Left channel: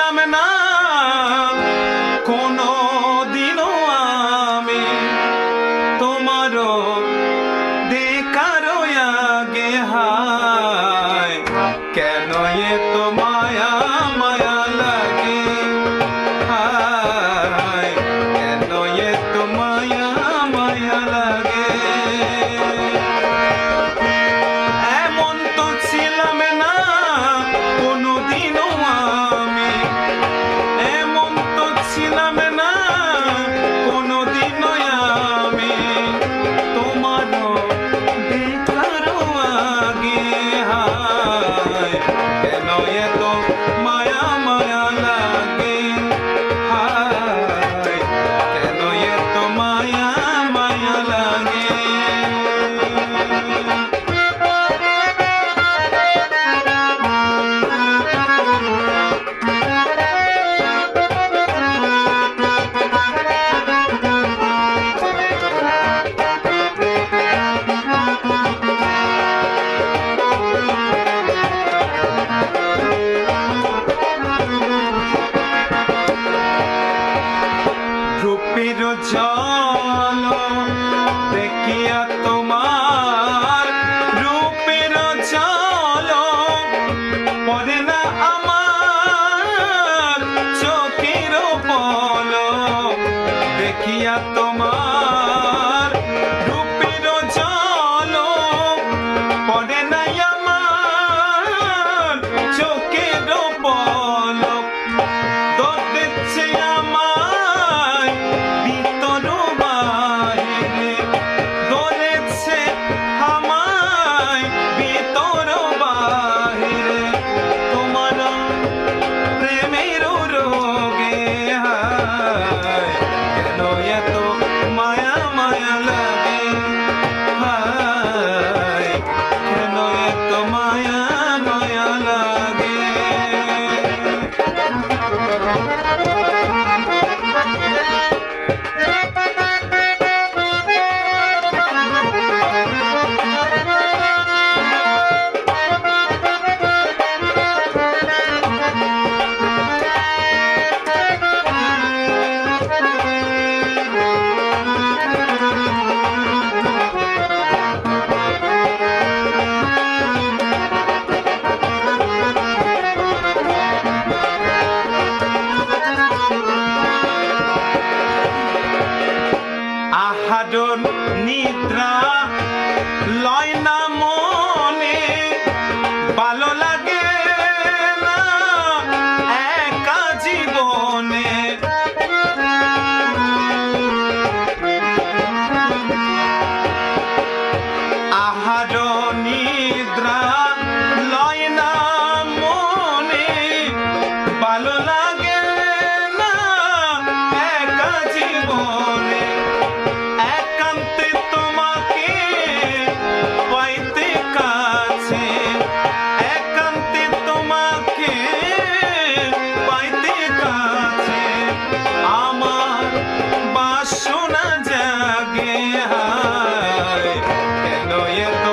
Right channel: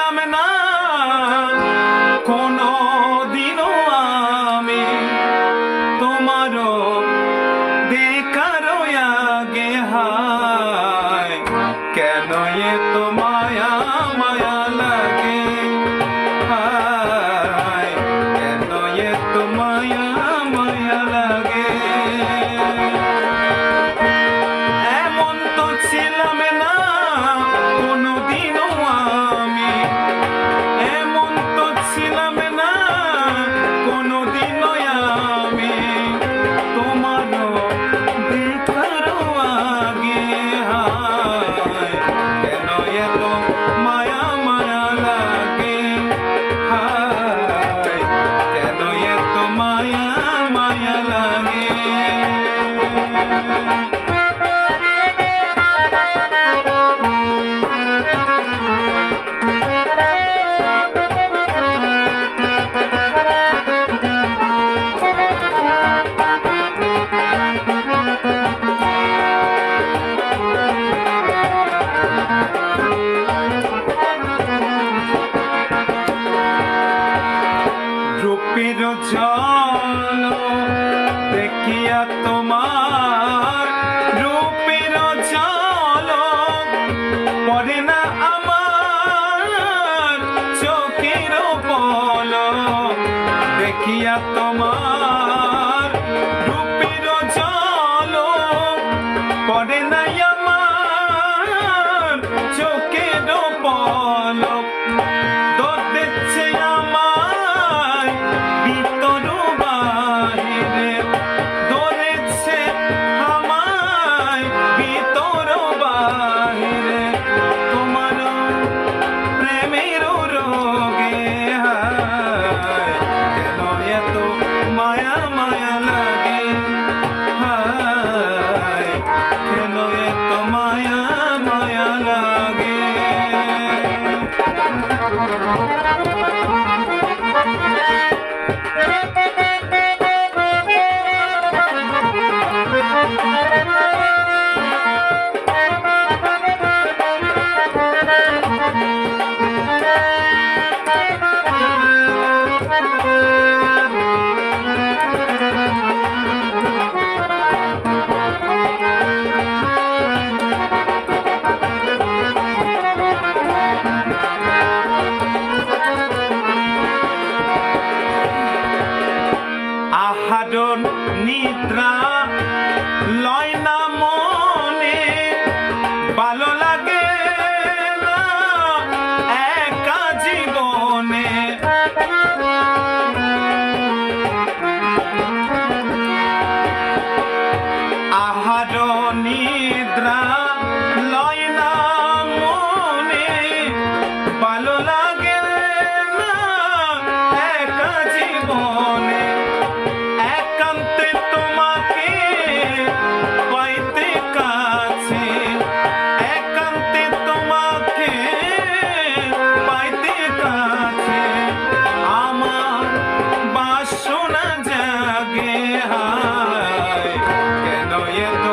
ছিলাম না কোনো দিনও আমি তোমারও দেখারও আগে হায় কেন এত মায়া মায়া লাগে হায় কেন এত মায়া মায়া লাগে এমন তো ছিলাম না কোনোদিনও আমি এমন তো ছিলাম না কোনোদিনও আমি তোমারও দেখারও আগে হায় কেন এত মায়া মায়া লাগে হায় কেন এত মায়া মায়া লাগে রূপের জল দেখিয়া তোমার রূপের জল পড়ে না আমার চোখের পলক দেখিয়া তোমার রূপের জল পড়ে না আমার চোখের পলক দেখছে আমায় ভিতর বাহিরে ধরেছে আমায় ভিতর বাহিরে তোমার প্রেমের রোগে হায় কেন এত মায়া মায়া লাগে হায় কেন এত মায়া মায়া লাগে আহারণ নিদ্রা লয় না মনে ভালো লাগে না একা জীবনে আহারণ নিদ্রা লয় না মনে ভালো লাগে না একা জীবনে একান্তে তোমাকে পাইতে কাছে একান্তে তোমাকে পাইতে কাছে আমার বাসনা জাগে হায় কেন এত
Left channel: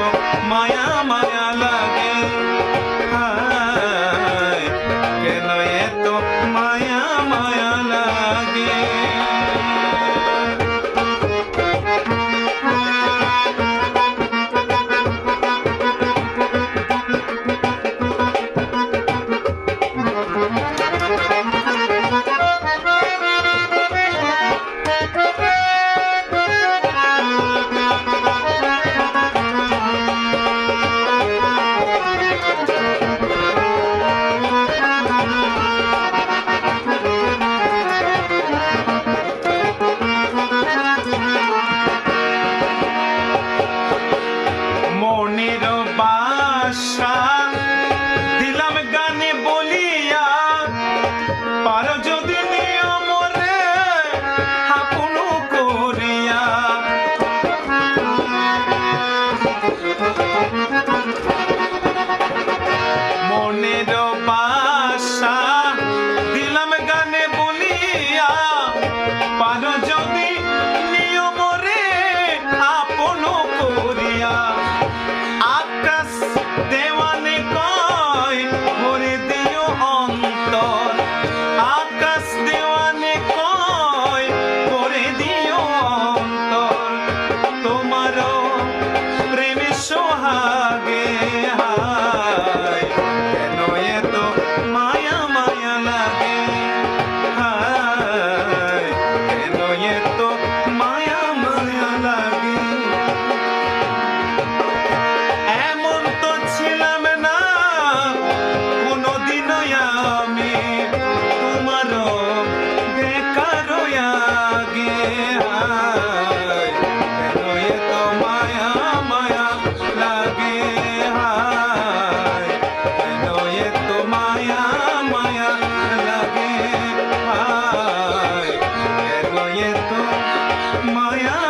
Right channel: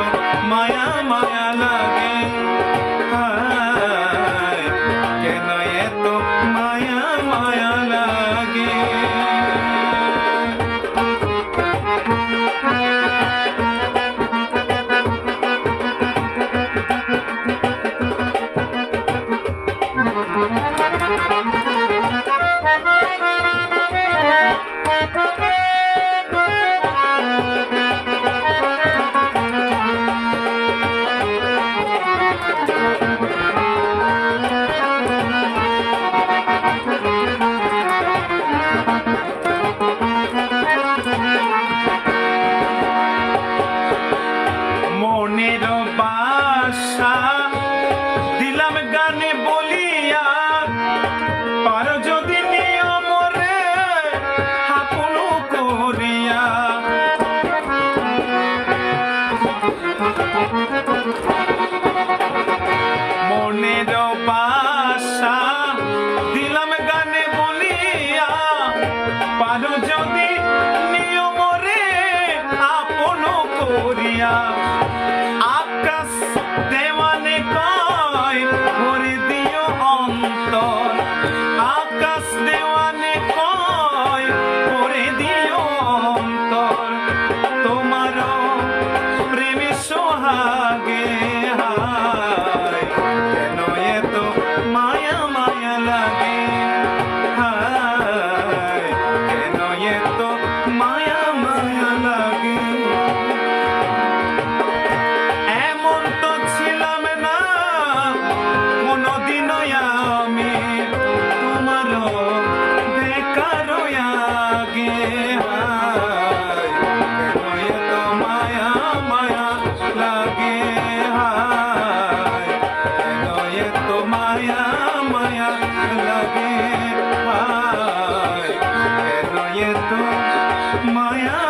মায়া মায়া লাগে হায় কেন এত মায়া মায়া লাগে মনের বাসা দিলাম গানে বলিয়া পার যদি নিয়ম রে আপন করিয়া মনের বাসা দিলাম গানে বলিয়া পার যদি নিয়ম রে আপন করিয়া আকাশ দেওয়ানে কয় ভরে দিও অন্তর লাগে হায় কেন এত মায়া